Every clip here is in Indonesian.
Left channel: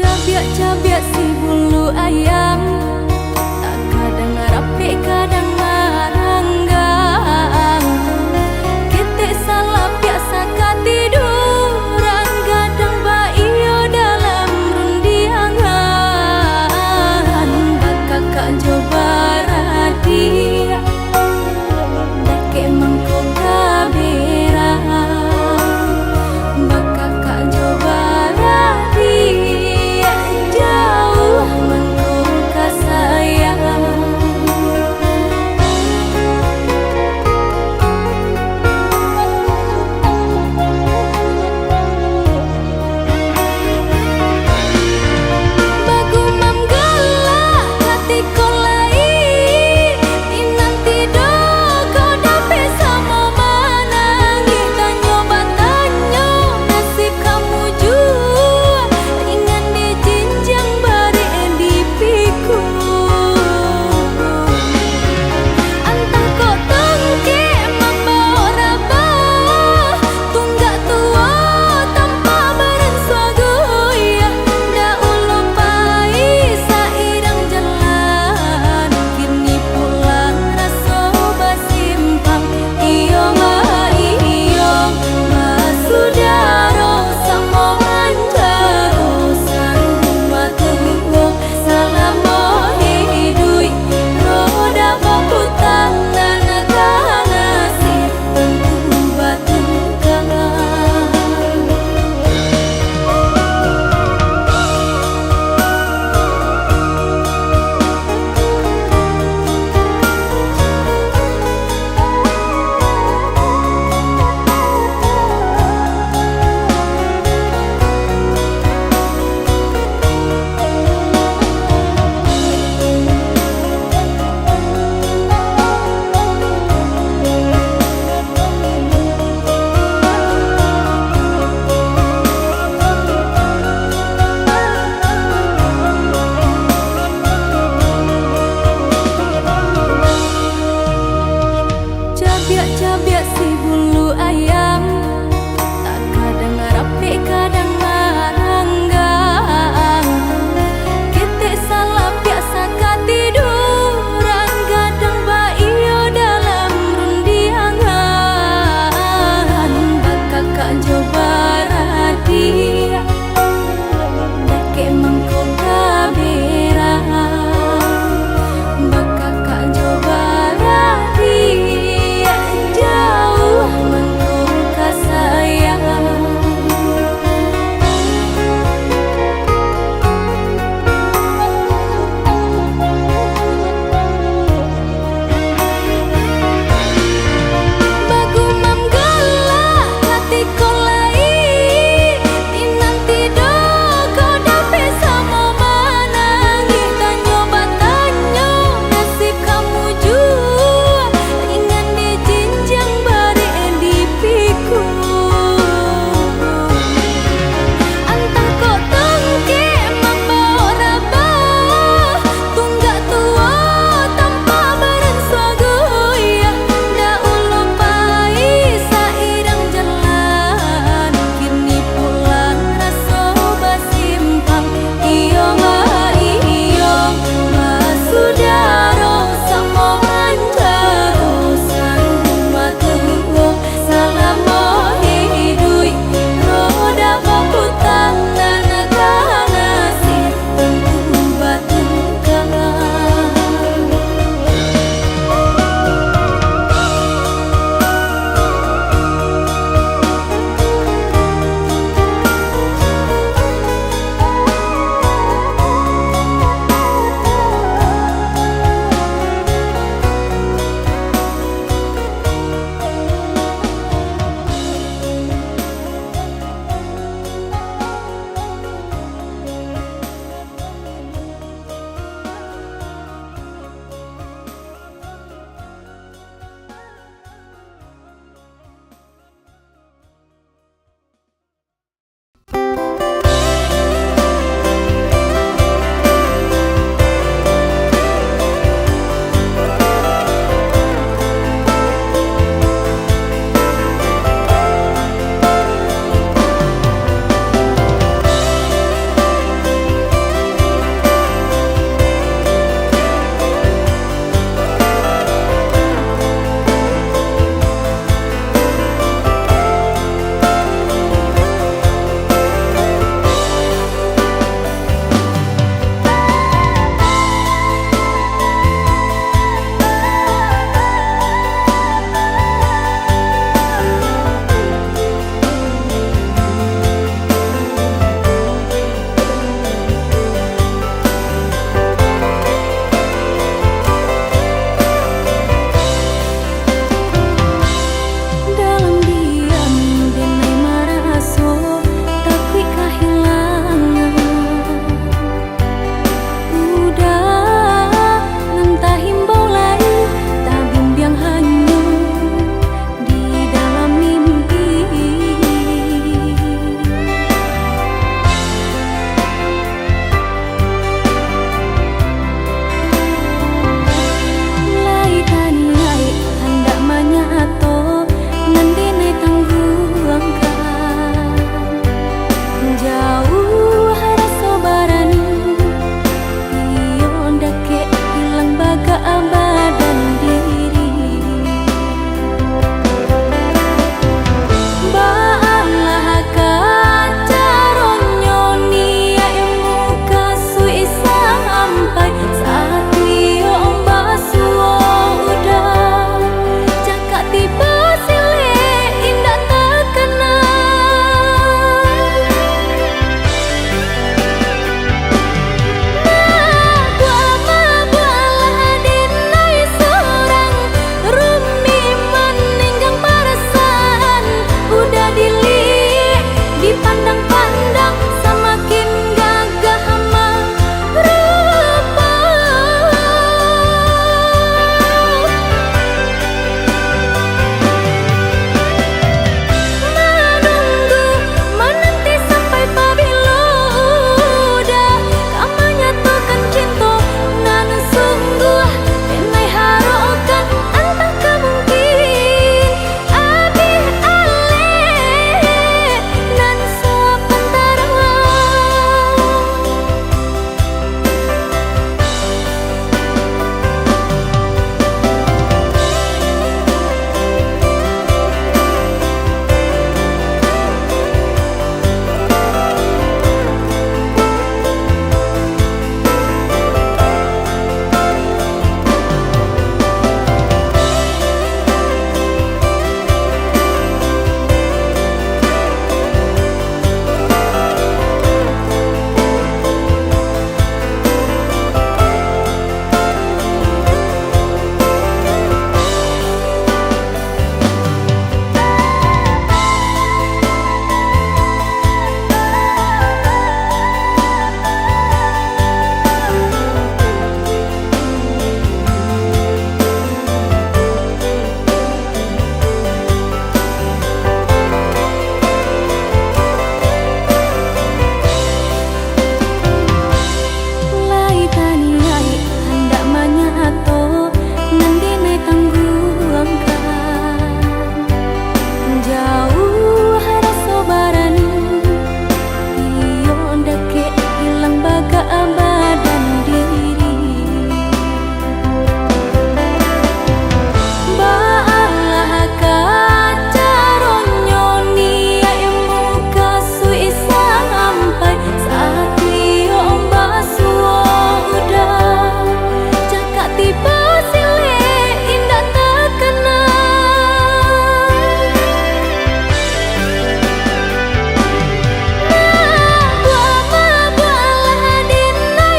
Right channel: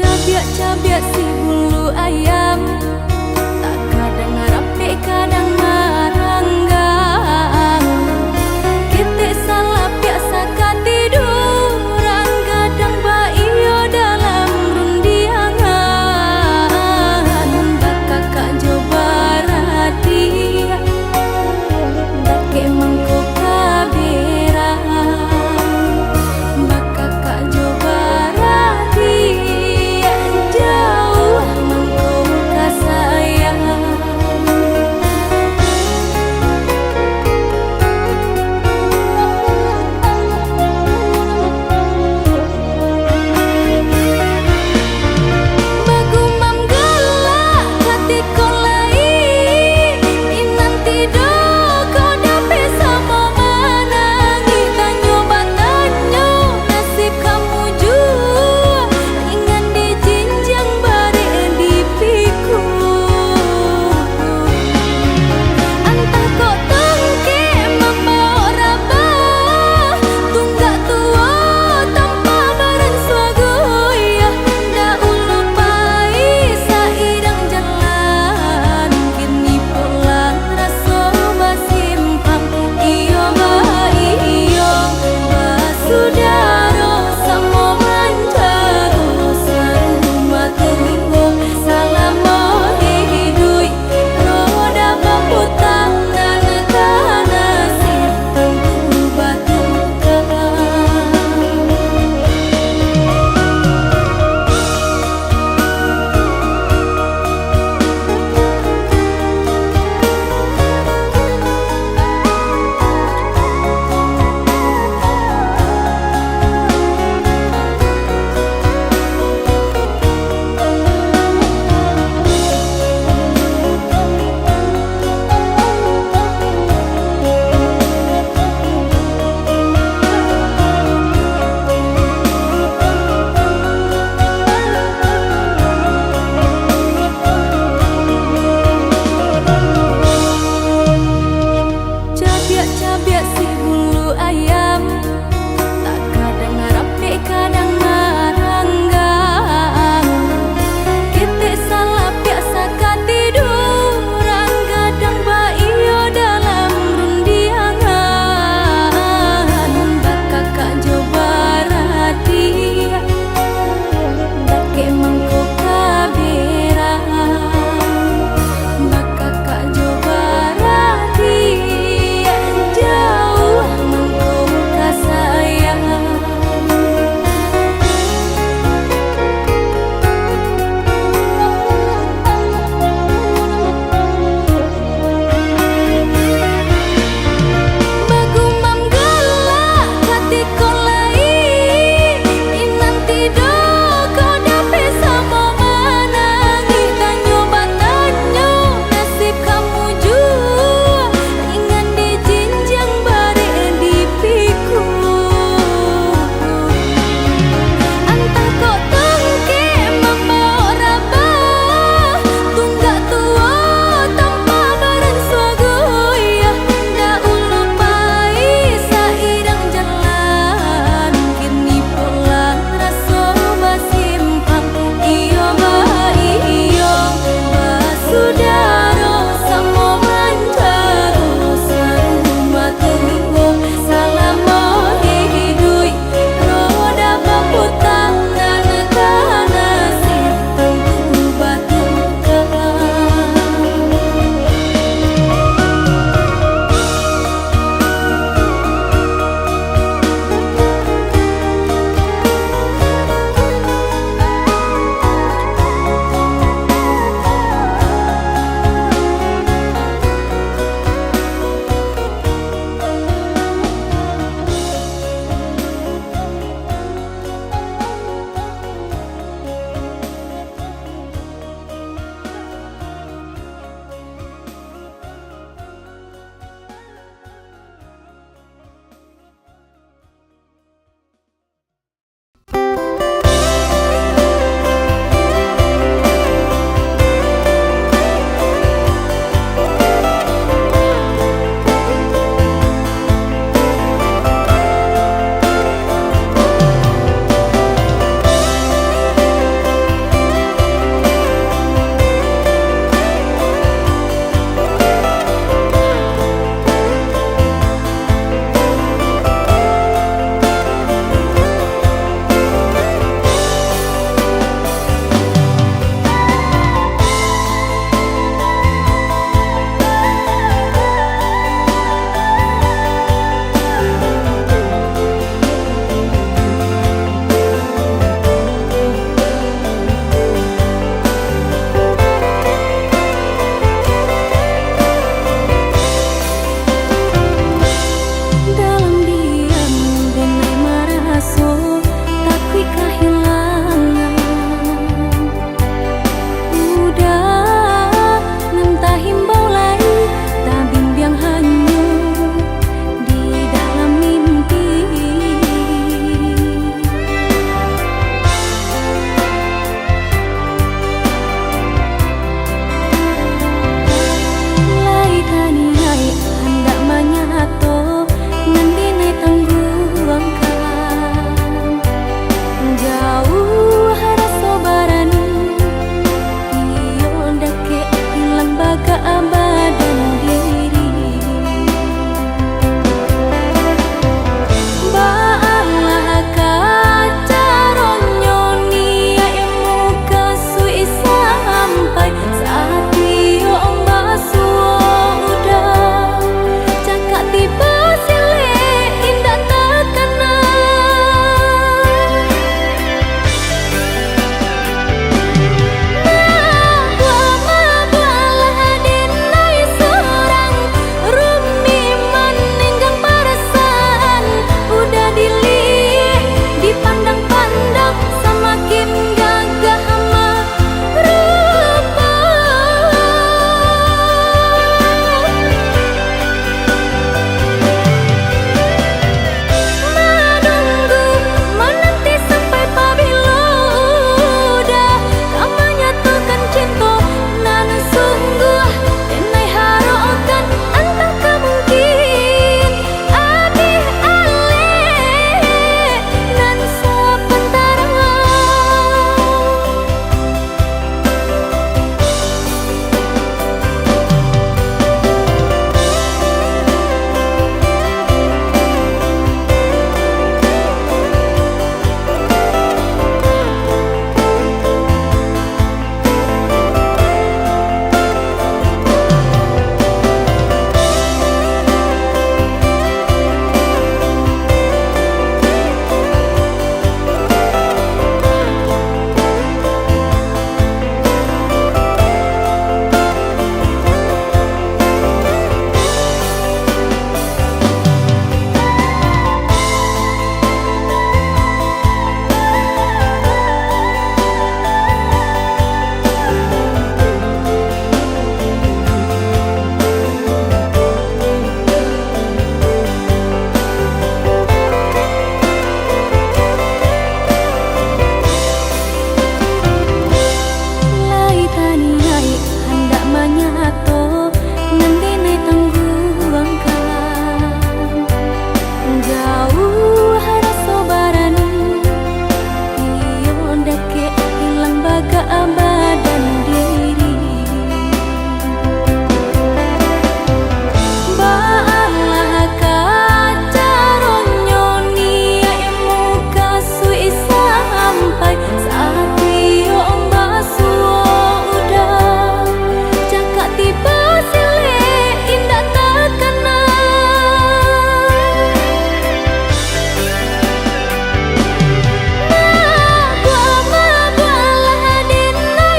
Cabiak-cabiak si bulu ayam, tak kadang ngarape kadang ngaranggang. Kita salah biasa katiduran, gadang baiyo dalam rundiangan. Bakak kak coba radia, dake mangko kaberang. Bakak kak coba radia, jauh mangko kasayang. manyato nandine tangguangkan jauh rasa barani iyo ndake hilang baga badan diri baalah kacaronyo nia emu kasui sampai saat iyo ombasuo udah cakap tiba sile indah terkena dipandang-pandang semakin gagah merupa menunggu menanti sampai pabilo udah kamu nyatukan cinta nanu sungguh tenai harokan entah kemungkin abih ale nan sepentara taniai hendak manyato nandine tangguangkan jauh rasa barani iyo ndake hilang baga badan diri baalah kacaronyo nia emu kasui sampai saat iyo ombasuo tiba sile indah terkena mabua-mabualah dina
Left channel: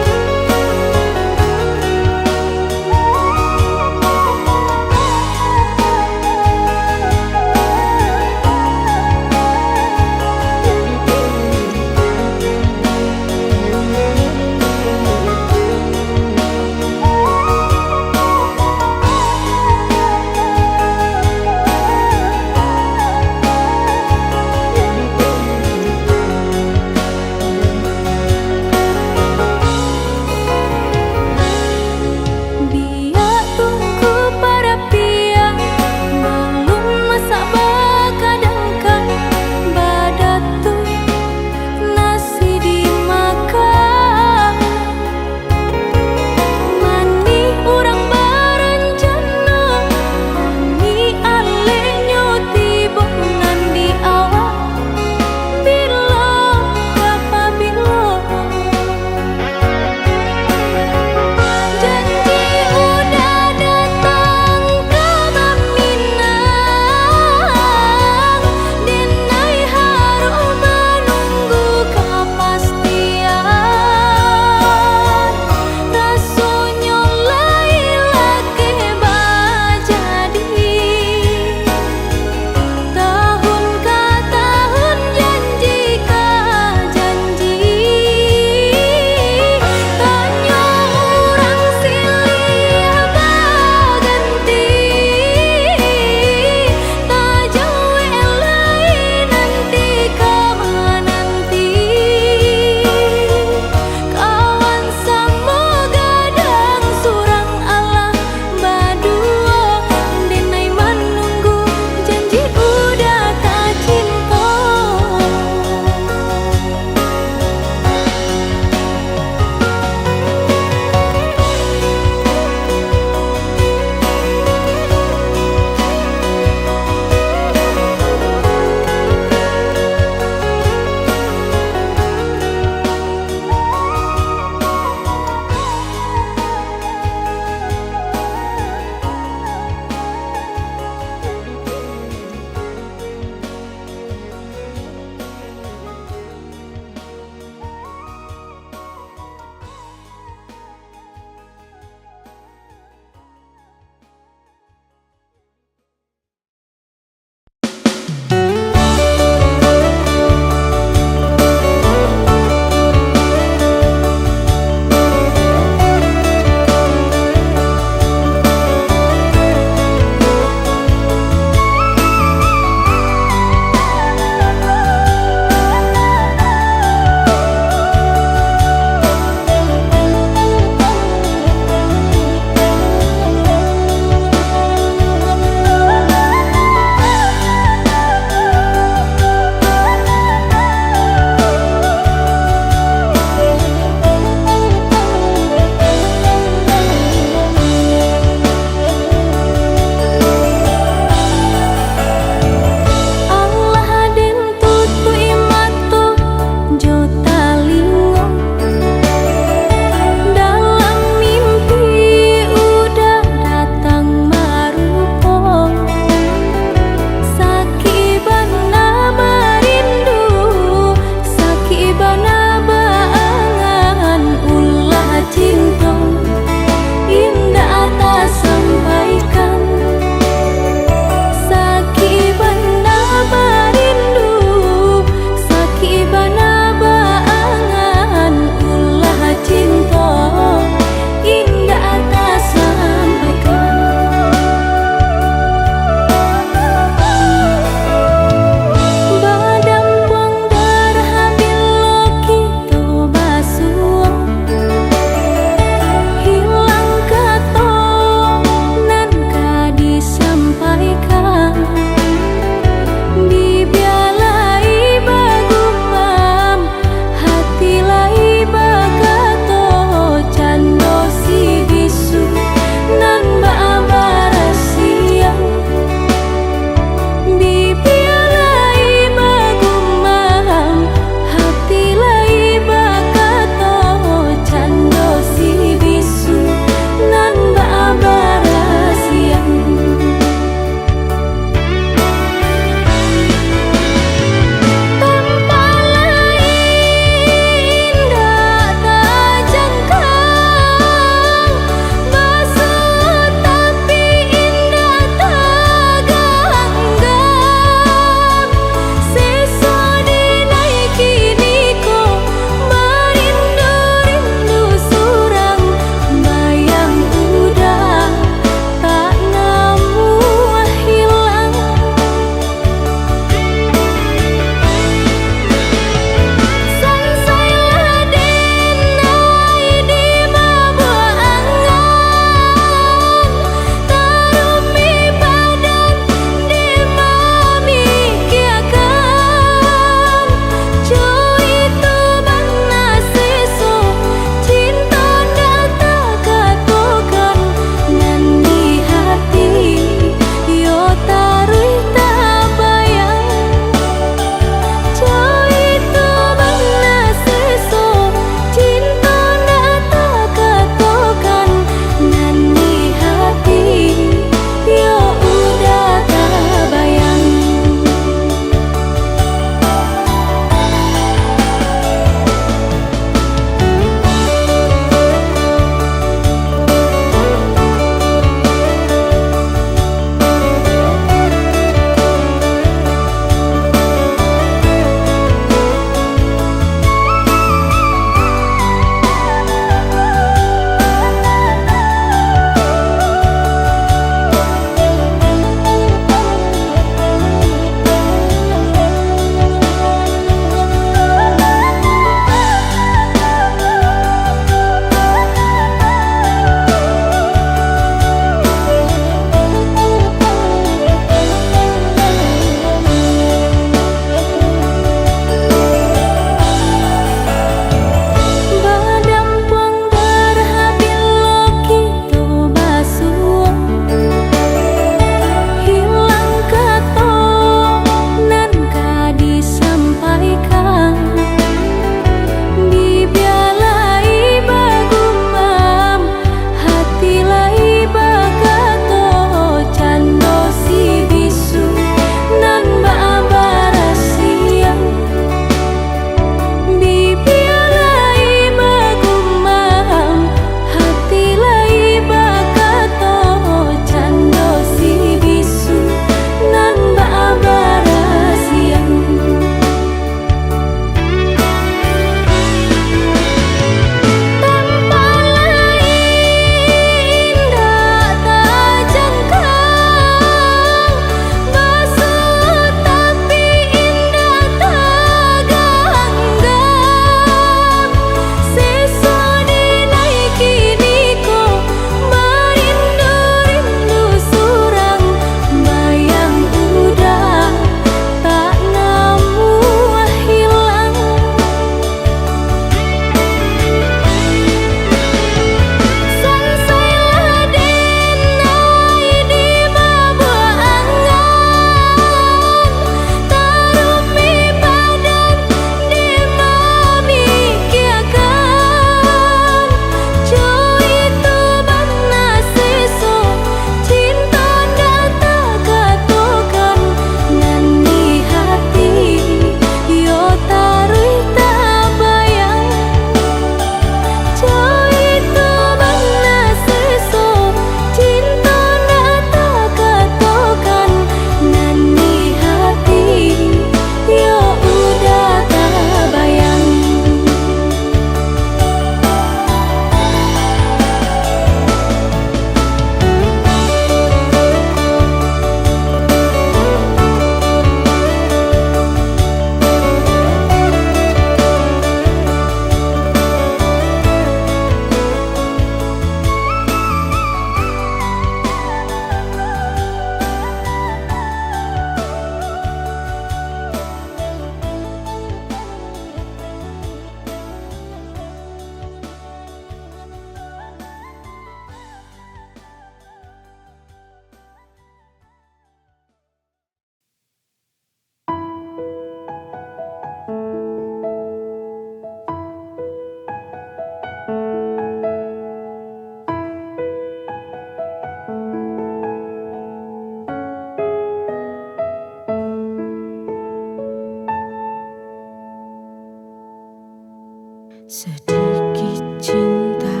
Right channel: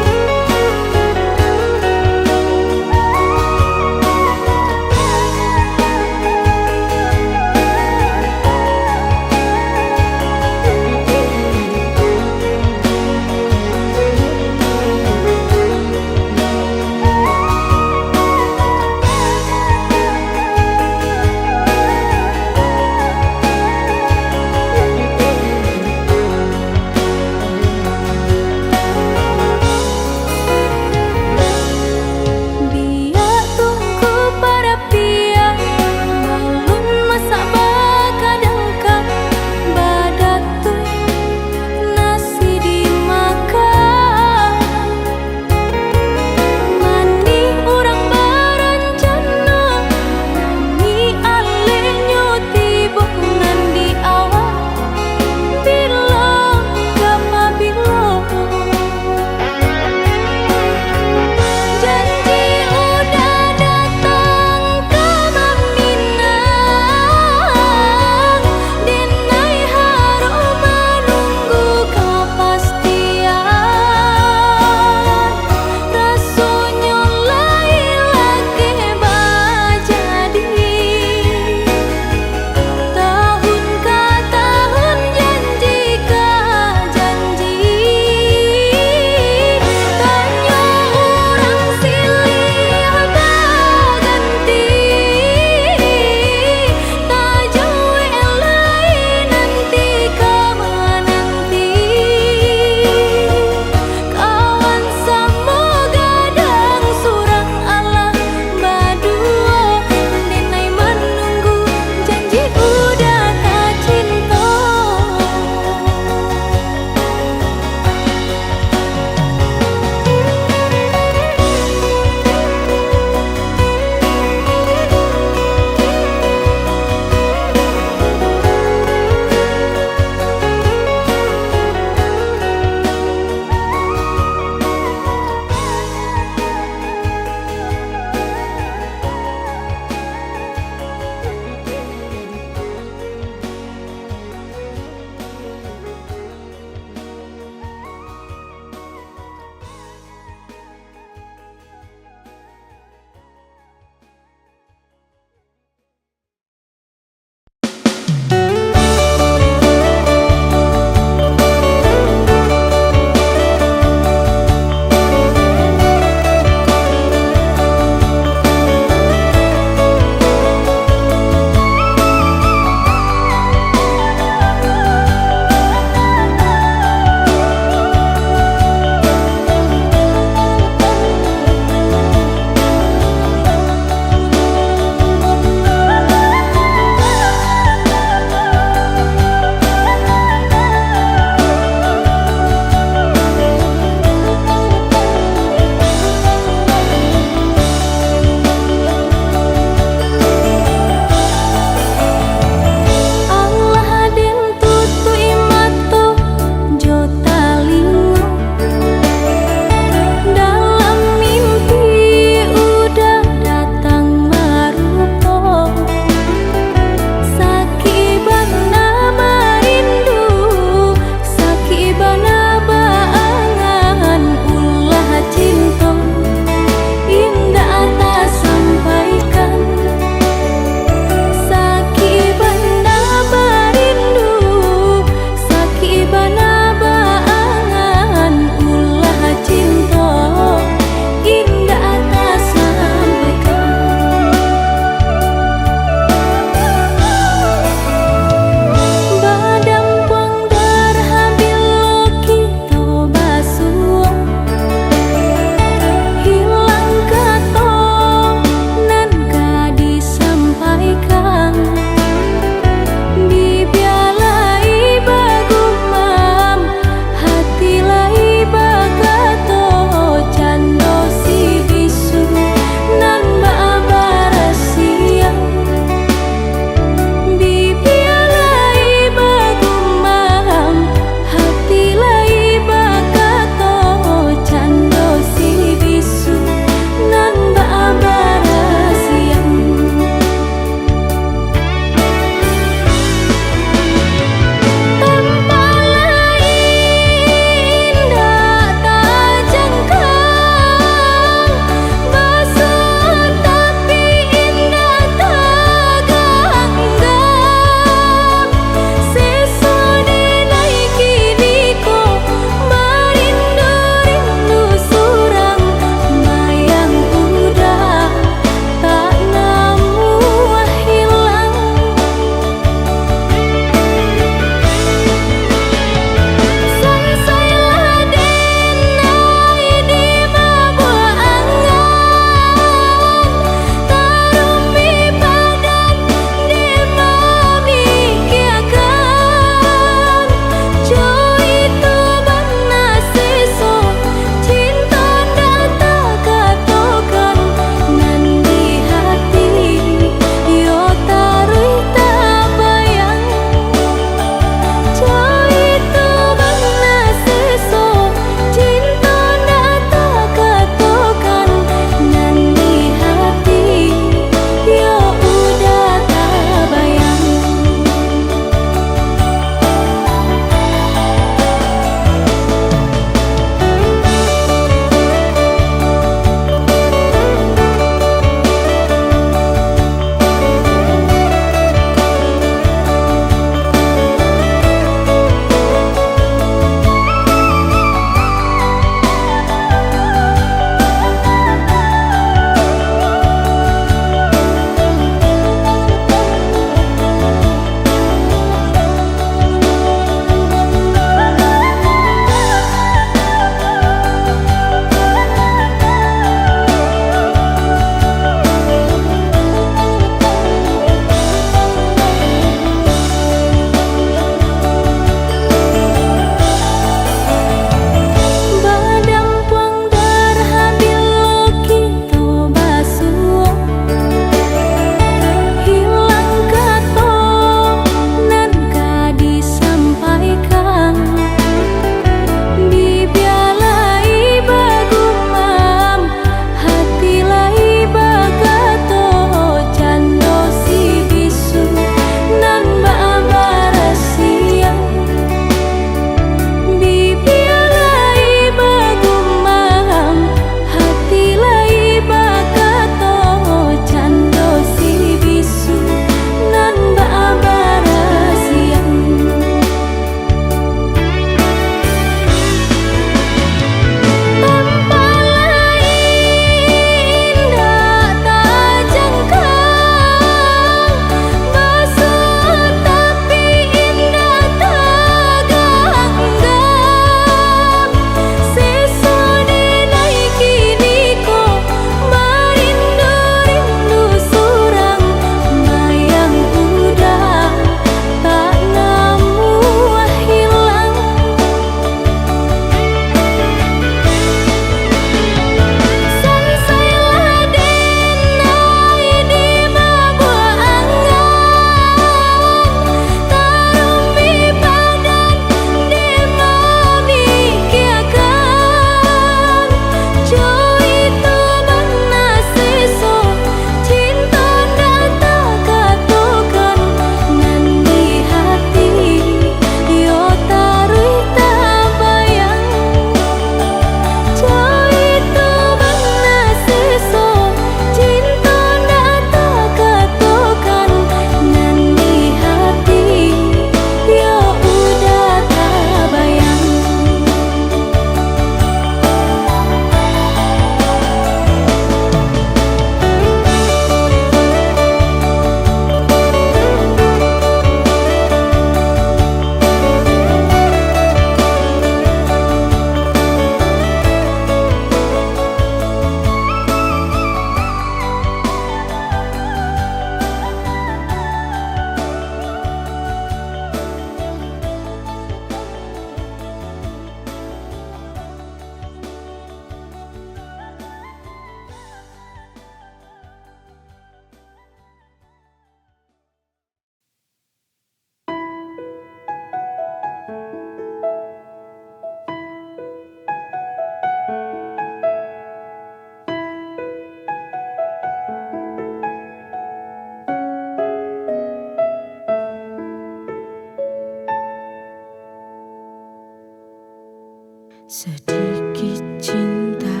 Sedikit cinta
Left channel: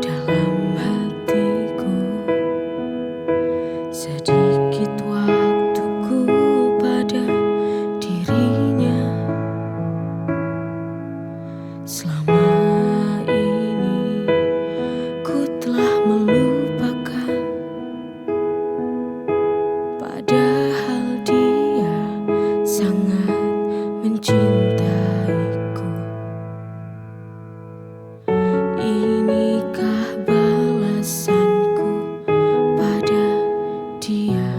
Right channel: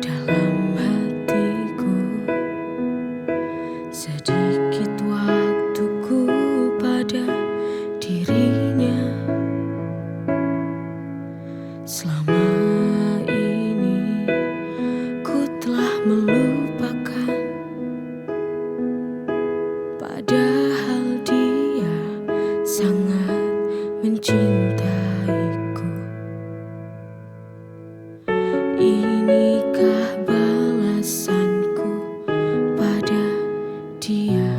dalam hatiku, sedikit waktuku pada dirinya. Selama ini ku telah melupakan, padahal dia sangat mencintaiku. Inikah balasanku pada dia?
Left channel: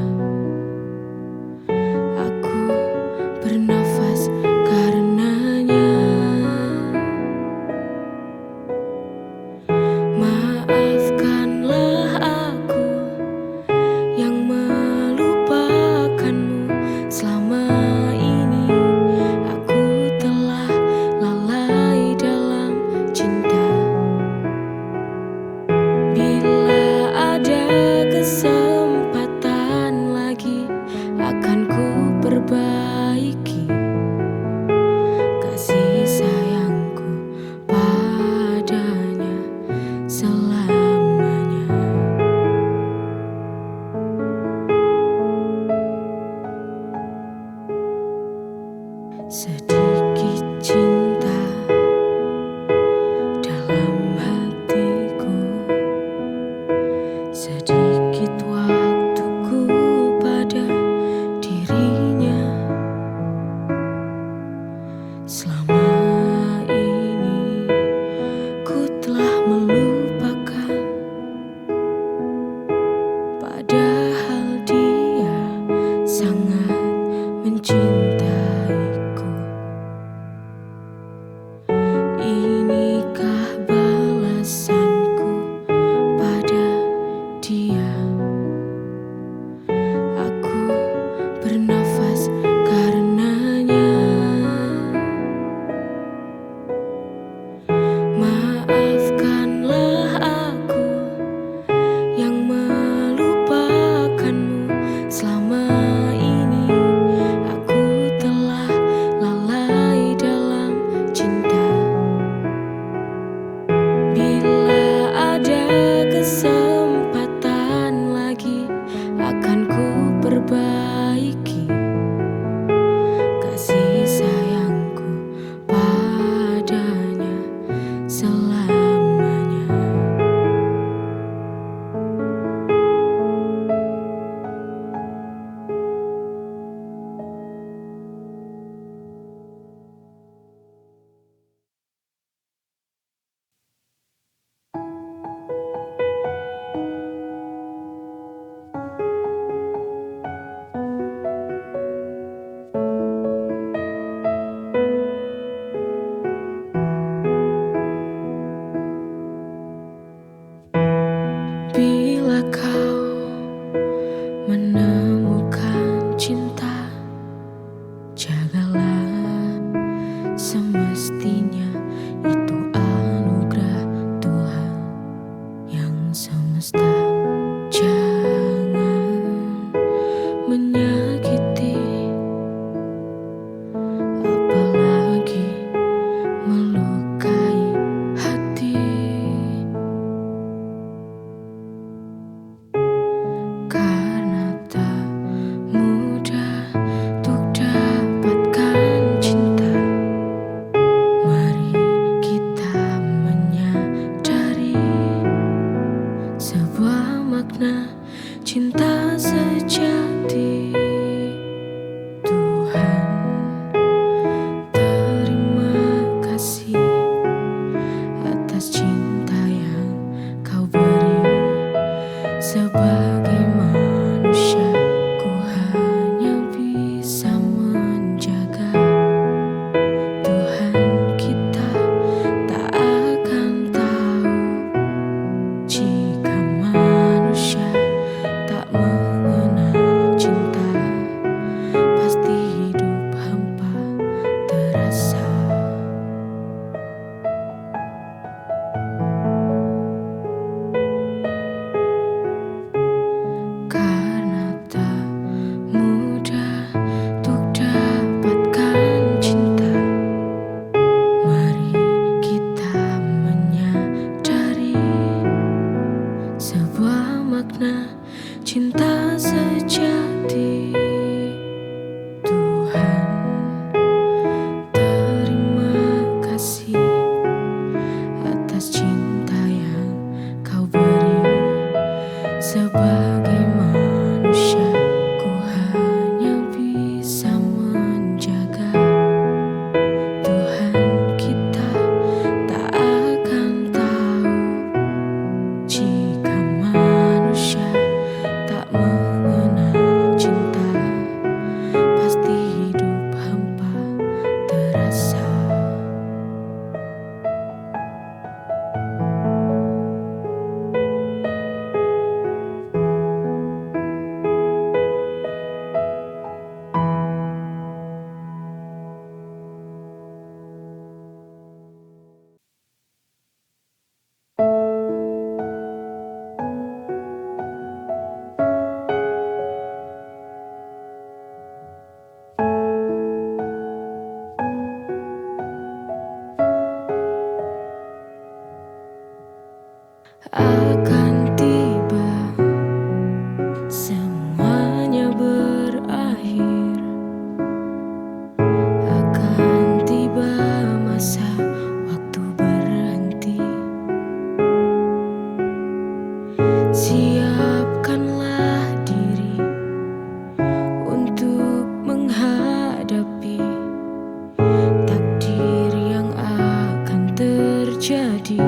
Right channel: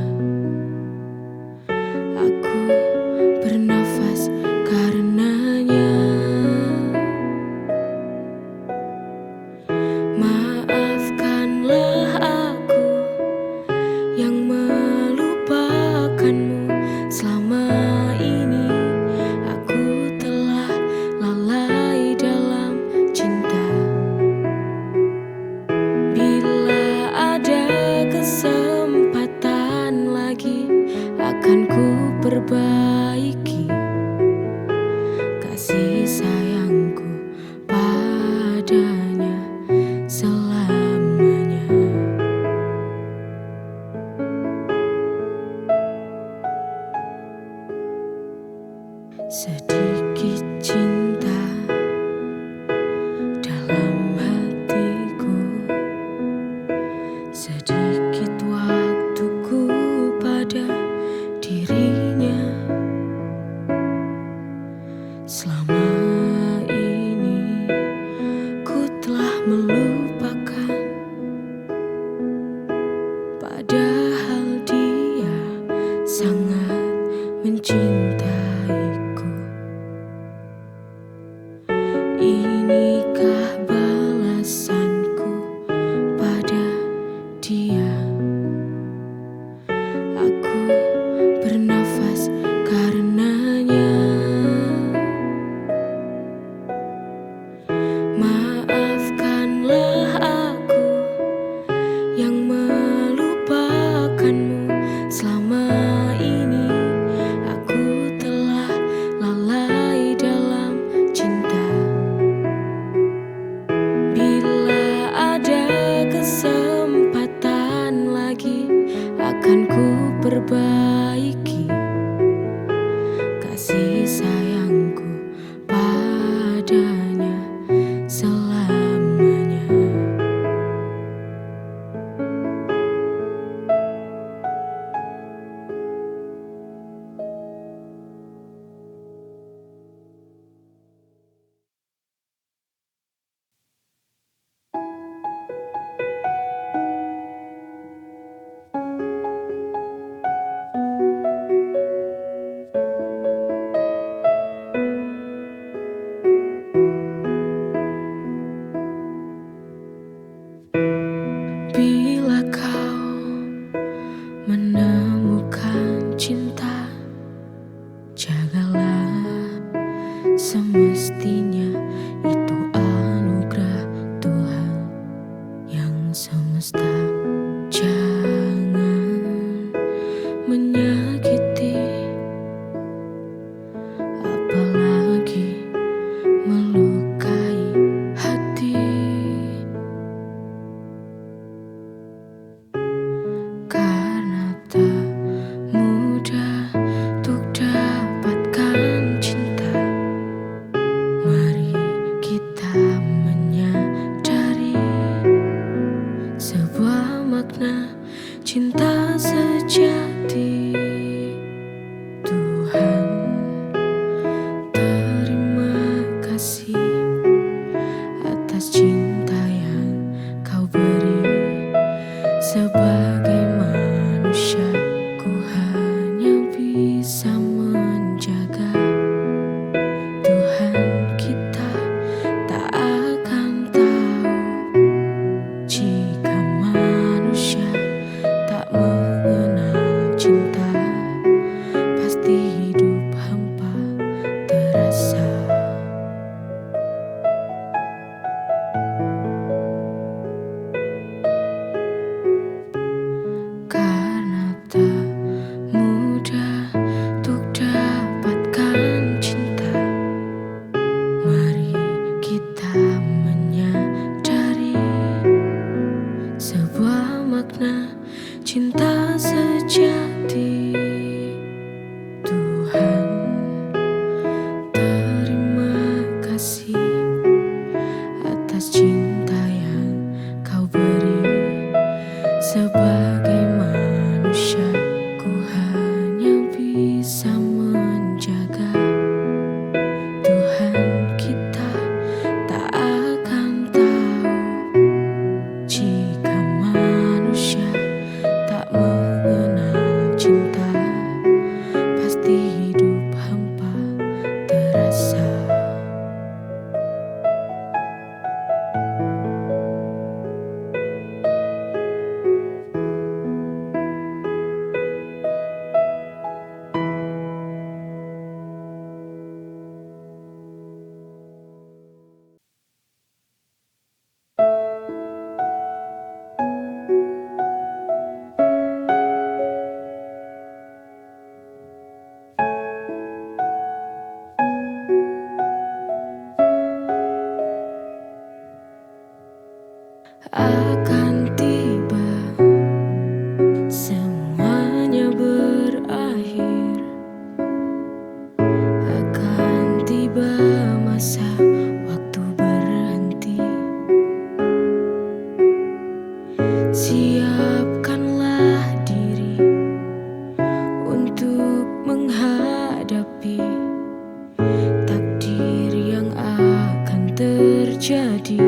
Aku bernafas karenanya. Maafkanlah aku yang melupakanmu. Selama ini aku telah lalai dalam cinta. Bila ada kesempatan lagi, akan ku perbaiki kasih sayangku padanya selamanya. Sedikit cinta dalam hatiku, sedikit waktuku pada dirinya. Selama ini ku telah melupakan, padahal dia sangat mencintaiku. Inikah balasanku pada dia? Aku bernafas karenanya. Maafkanlah aku yang melupakanmu. Selama ini aku telah lalai dalam cinta. Bila ada kesempatan lagi, akan ku perbaiki kasih sayangku padanya selamanya. Bila kau menemukan cinta, jagalah, semestinya itu anugerah Tuhan yang semesta. Jangan menyakiti, apalagi melukai hati. Karena tak mudah untuk dapatkan cinta. Mari kita menyadari sebuah makna cinta sejati. akan tiba, semuanya berakhir. Akan tiba masa waktu berhenti. Siapkanlah diri untuk menghadapi takdir yang akan terjadi.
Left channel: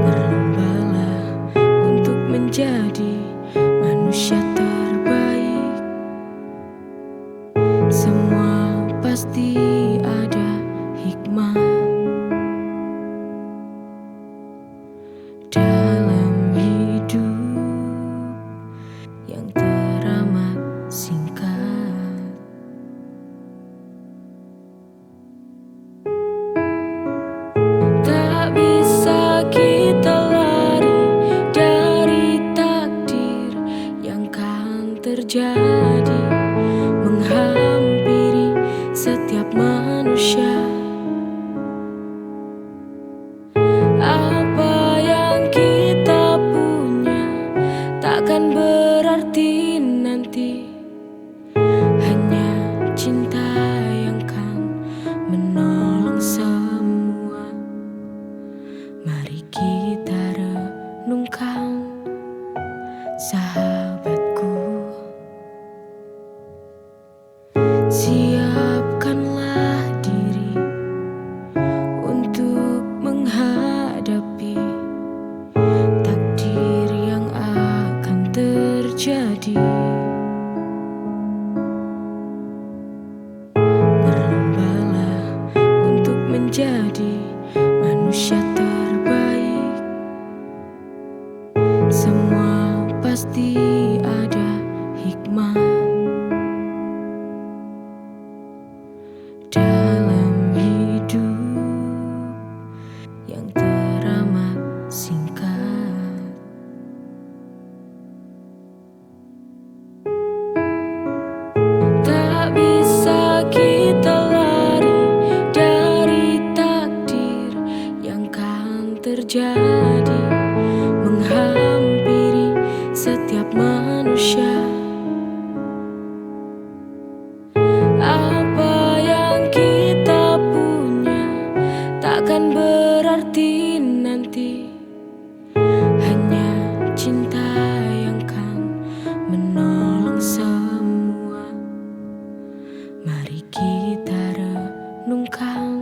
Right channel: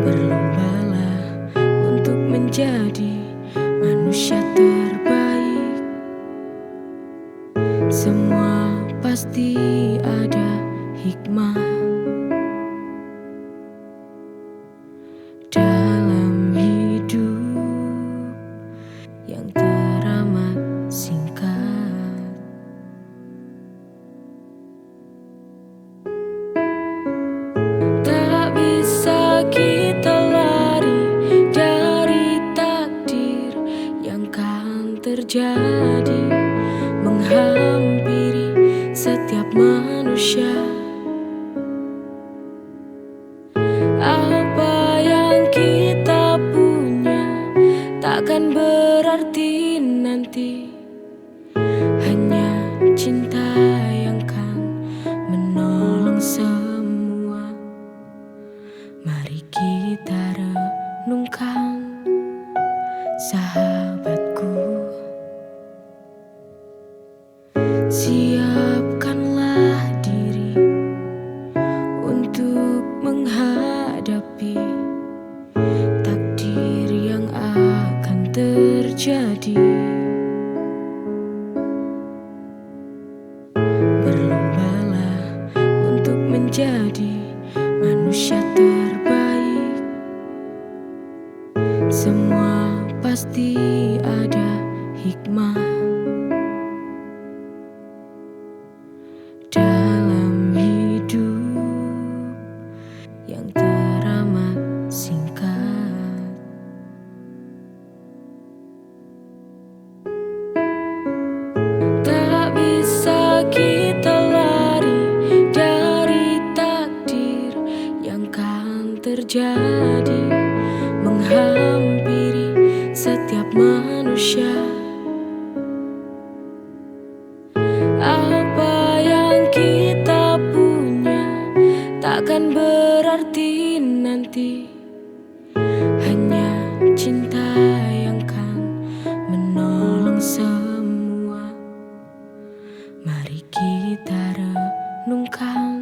Berlombalah untuk menjadi manusia terbaik. Semua pasti ada hikmah dalam hidup yang teramat singkat. Tak bisa kita lari dari takdir yang kan terjadi, menghampiri setiap manusia. Apa yang kita punya takkan berarti nanti, hanya cinta yang kan menolong semua. Mari kita renungkan, sahabatku. Siapkanlah diri untuk menghadapi takdir yang akan terjadi. Berlombalah untuk menjadi manusia terbaik. Semua pasti ada hikmah dalam hidup yang teramat singkat. Tak bisa kita lari dari takdir yang kan terjadi, menghampiri setiap manusia. Apa yang kita punya takkan berarti nanti, hanya cinta yang kan menolong semua. Mari kita renungkan,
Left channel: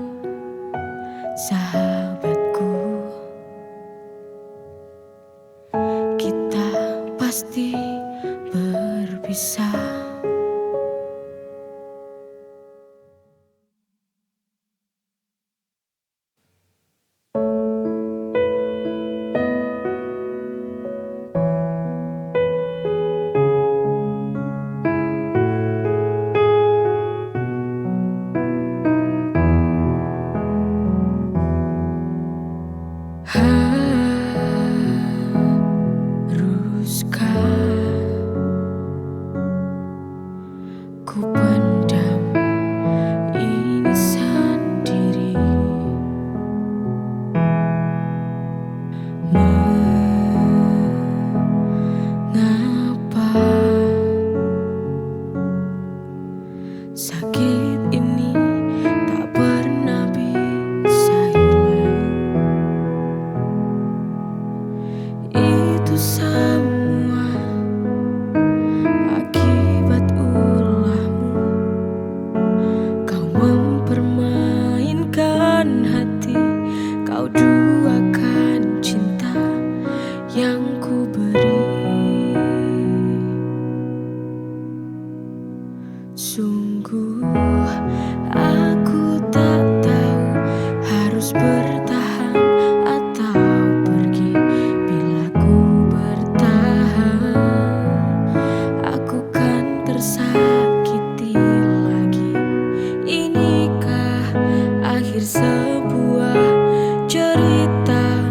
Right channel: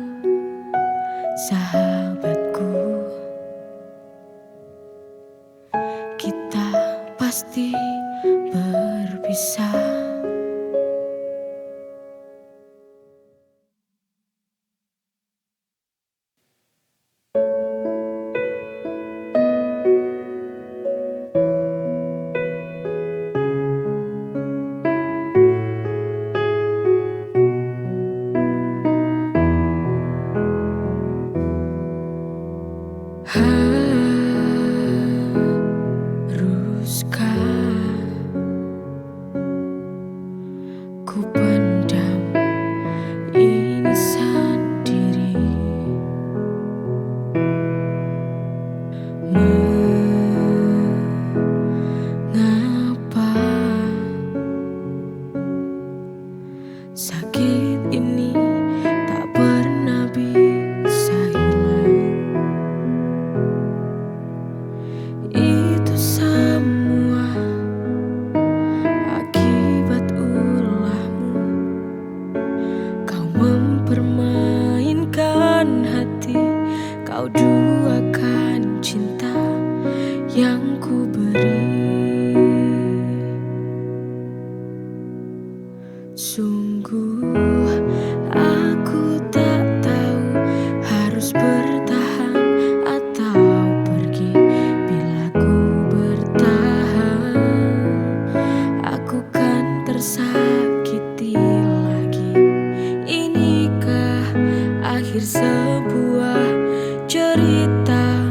sahabatku. Kita pasti berpisah. Haruskah ku pendam ini sendiri? Mengapa sakit ini tak pernah bisa hilang? Itu semua akibat ulahmu. Kau mempermainkan hati, kau duakan cinta yang ku beri. Sungguh aku tak tahu harus bertahan atau pergi. Bila ku bertahan, aku kan tersakiti lagi. Inikah akhir sebuah cerita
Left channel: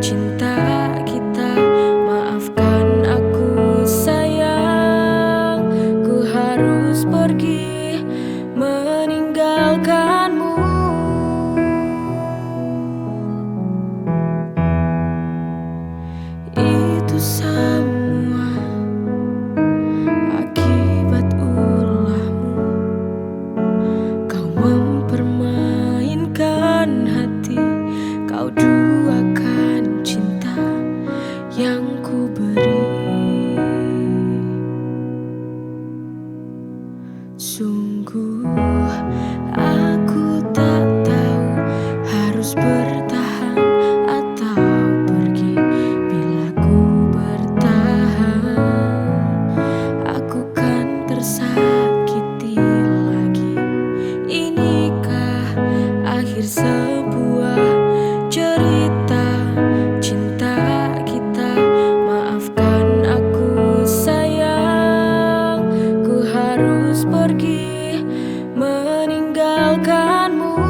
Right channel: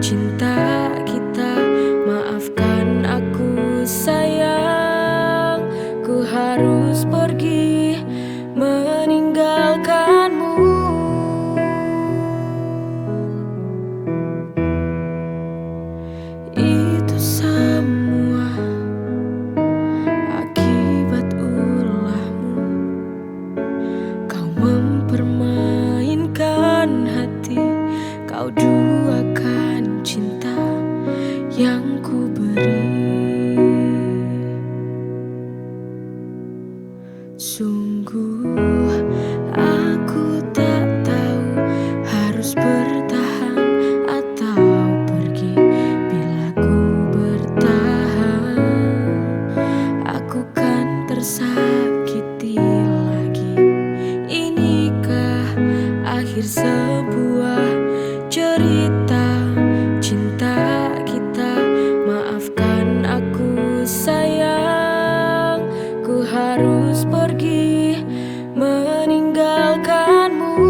cinta kita? Maafkan aku sayang, ku harus pergi meninggalkanmu. permainkan hati, kau duakan cinta yang ku beri. Sungguh aku tak tahu harus bertahan atau pergi. Bila ku bertahan, aku kan tersakiti lagi. Inikah akhir sebuah cerita cinta kita? Maafkan aku sayang, ku harus pergi meninggalkanmu.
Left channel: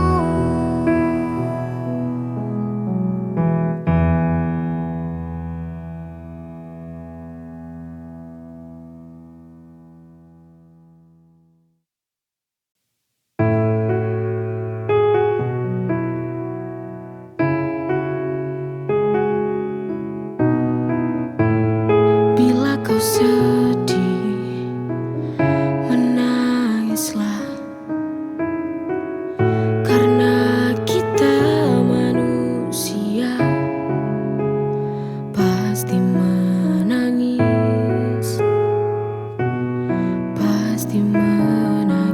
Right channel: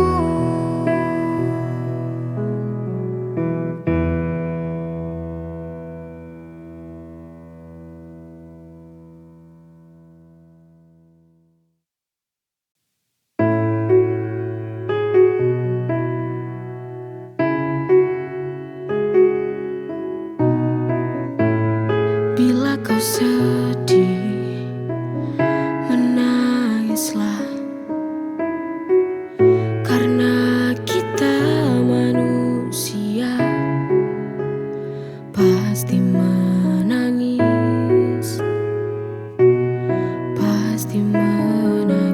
Bila kau sedih, menangislah, karena kita manusia pasti menangis, pasti menangis.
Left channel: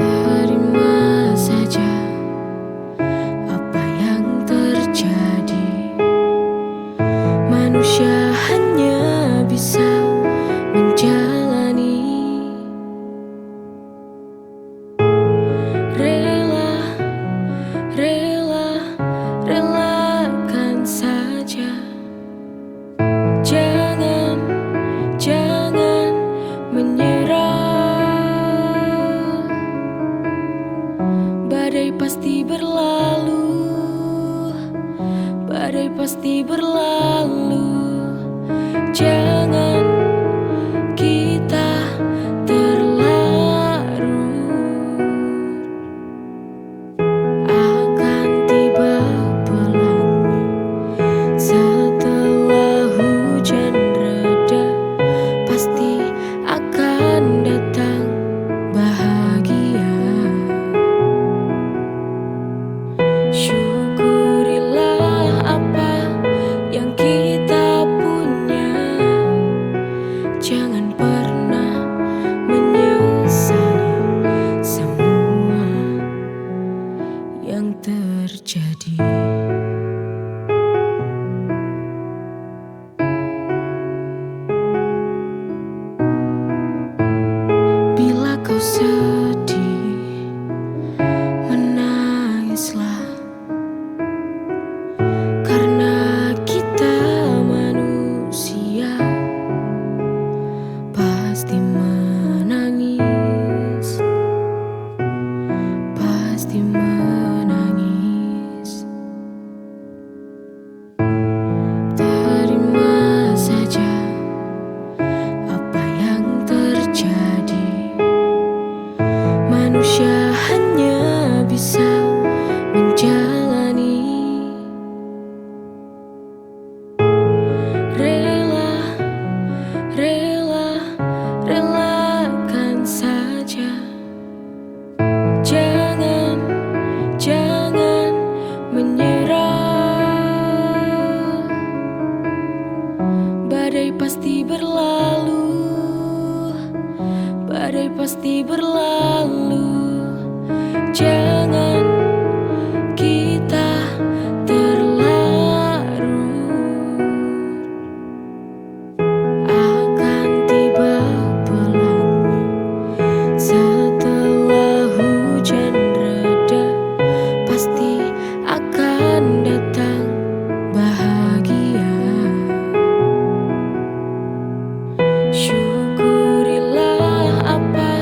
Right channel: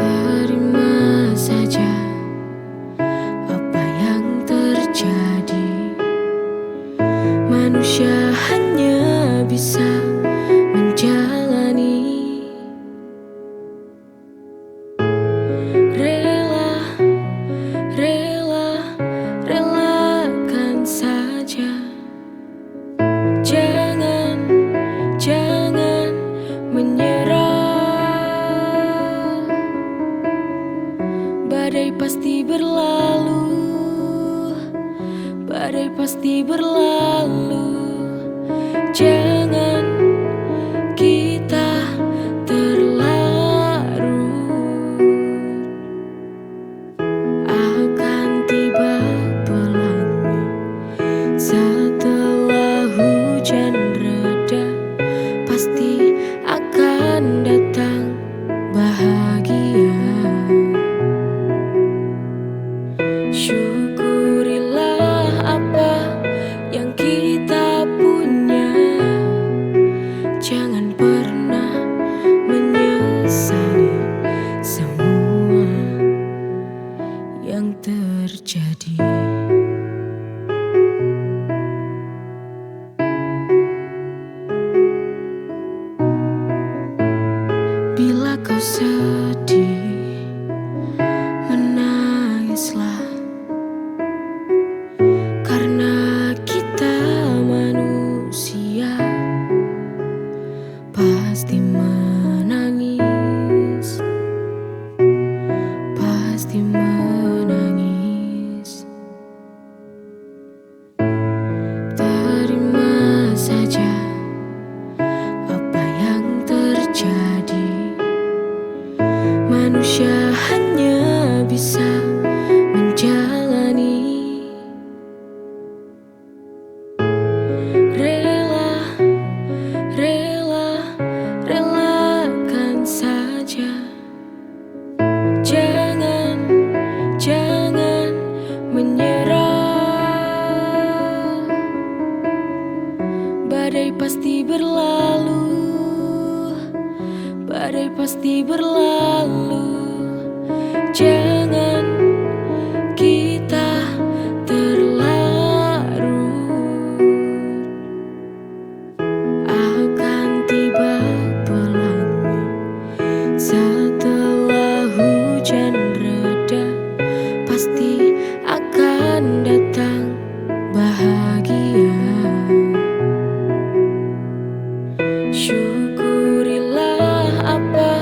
Terima saja apa yang terjadi. Manusia hanya bisa menjalani. Rela, rela, relakan saja. Jangan, jangan menyerah. Badai pasti berlalu, badai pasti berlalu. Jangan kita terlarut. Akan tiba pelangi setelah hujan reda. Pasti akan datang bahagia. Syukurilah apa yang kita punya. Jangan pernah menyesali semua yang terjadi. Bila kau sedih, menangislah, karena kita manusia pasti menangis, pasti menangis. Terima saja apa yang terjadi. Manusia hanya bisa menjalani. Rela, rela, relakan saja. Jangan, jangan menyerah. Badai pasti berlalu, badai pasti berlalu. Jangan kita terlarut. Akan tiba pelangi setelah hujan reda. Pasti akan datang bahagia. Syukurilah apa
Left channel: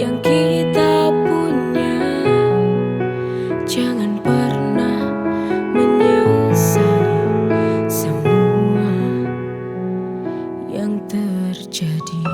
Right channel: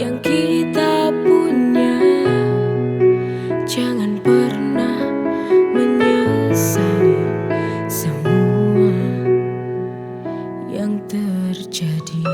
yang kita punya. Jangan pernah menyesali semua yang terjadi.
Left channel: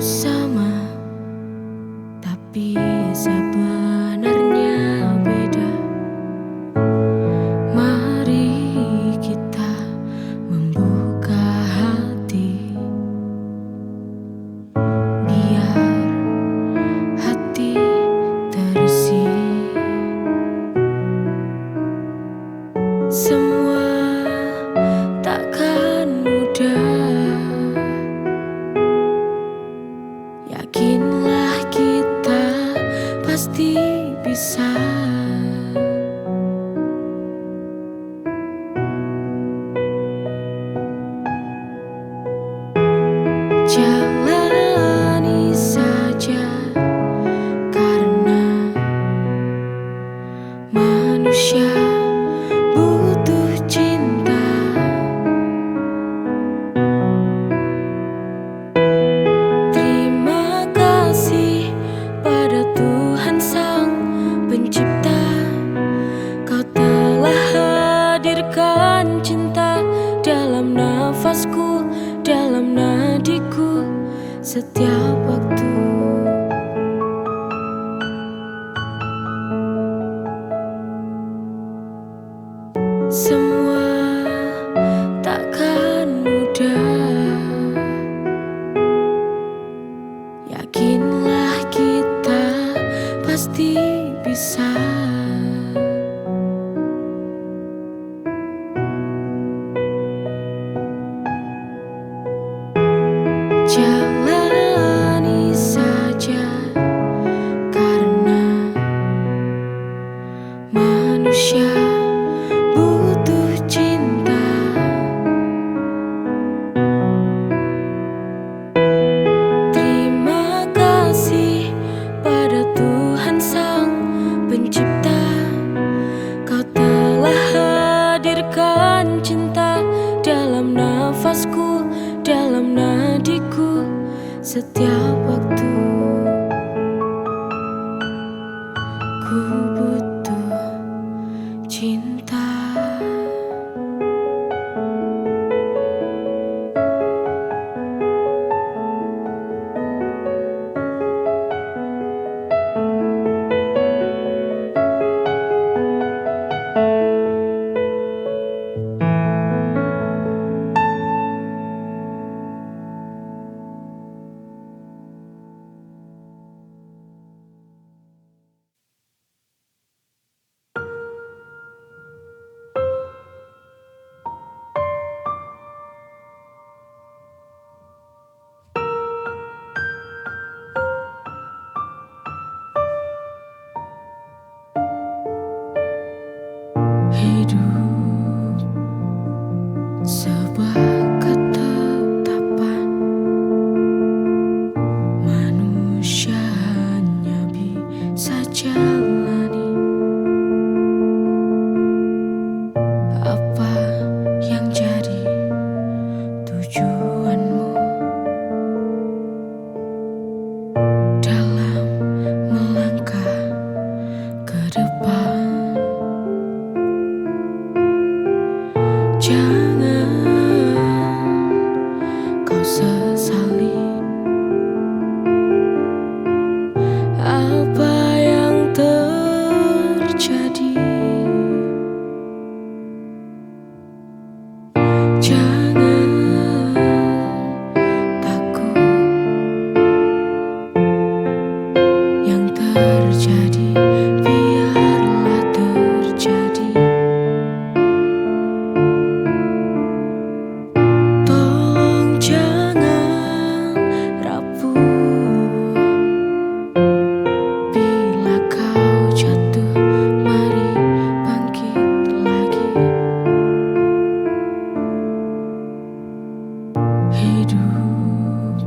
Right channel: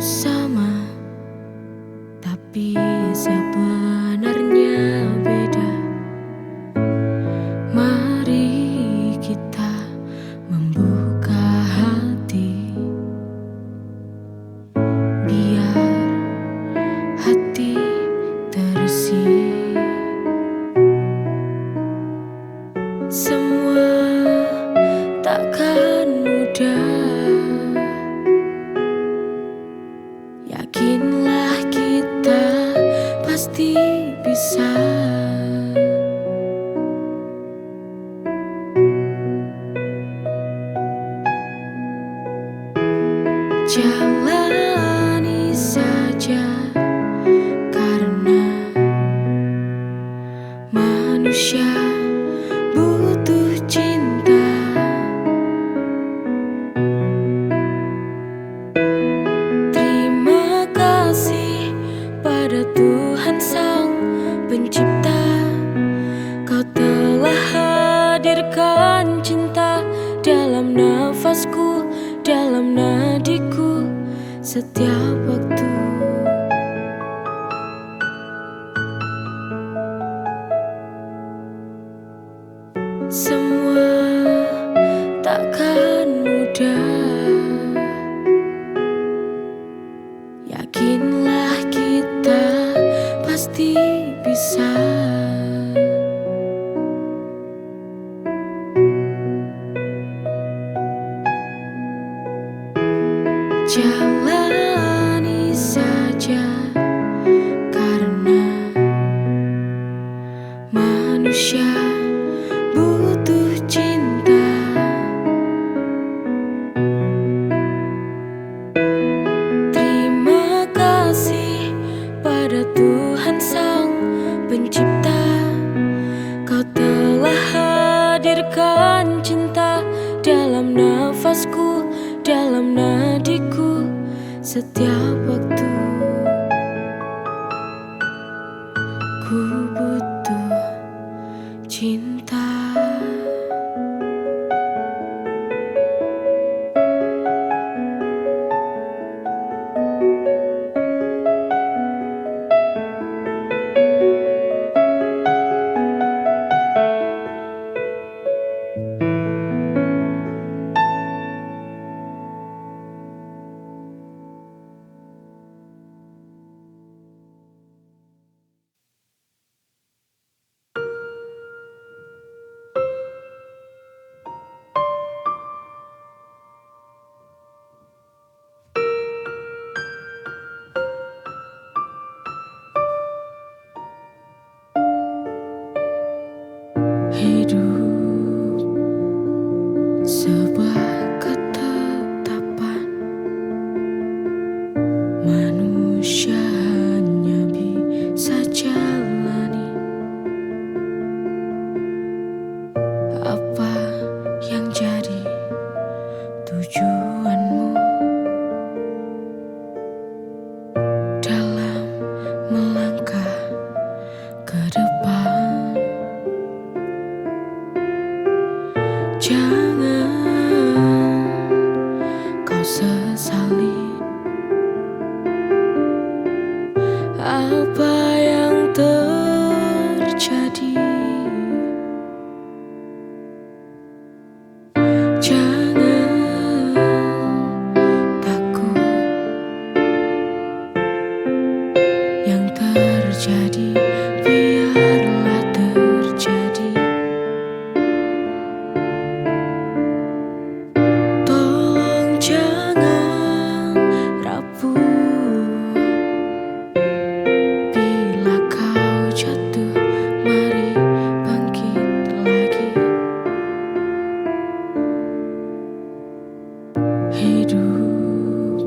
sama, tapi sebenarnya beda. Mari kita membuka hati, biar hati terisi. Semua takkan mudah, yakinlah kita pasti bisa. Jalani saja, karena manusia butuh cinta. Terima kasih pada Tuhan Sang Pencipta, Kau telah hadirkan cinta dalam nafasku, dalam nadiku, setiap waktu. Semua takkan mudah, yakinlah kita pasti bisa. Jalani saja, karena manusia butuh cinta. Terima kasih pada Tuhan Sang Pencipta, Kau telah hadirkan cinta dalam nafasku, dalam nadiku, setiap waktu. Ku butuh cinta. Hidup sebuah ketetapan, manusia hanya bisa jalani apa yang jadi tujuanmu dalam melangkah ke depan. Jangan kau sesali apa yang terjadi. Jangan takut, yang terjadi biarlah terjadi. Jangan rapuh, bila kau jatuh, mari bangkit lagi. Hidup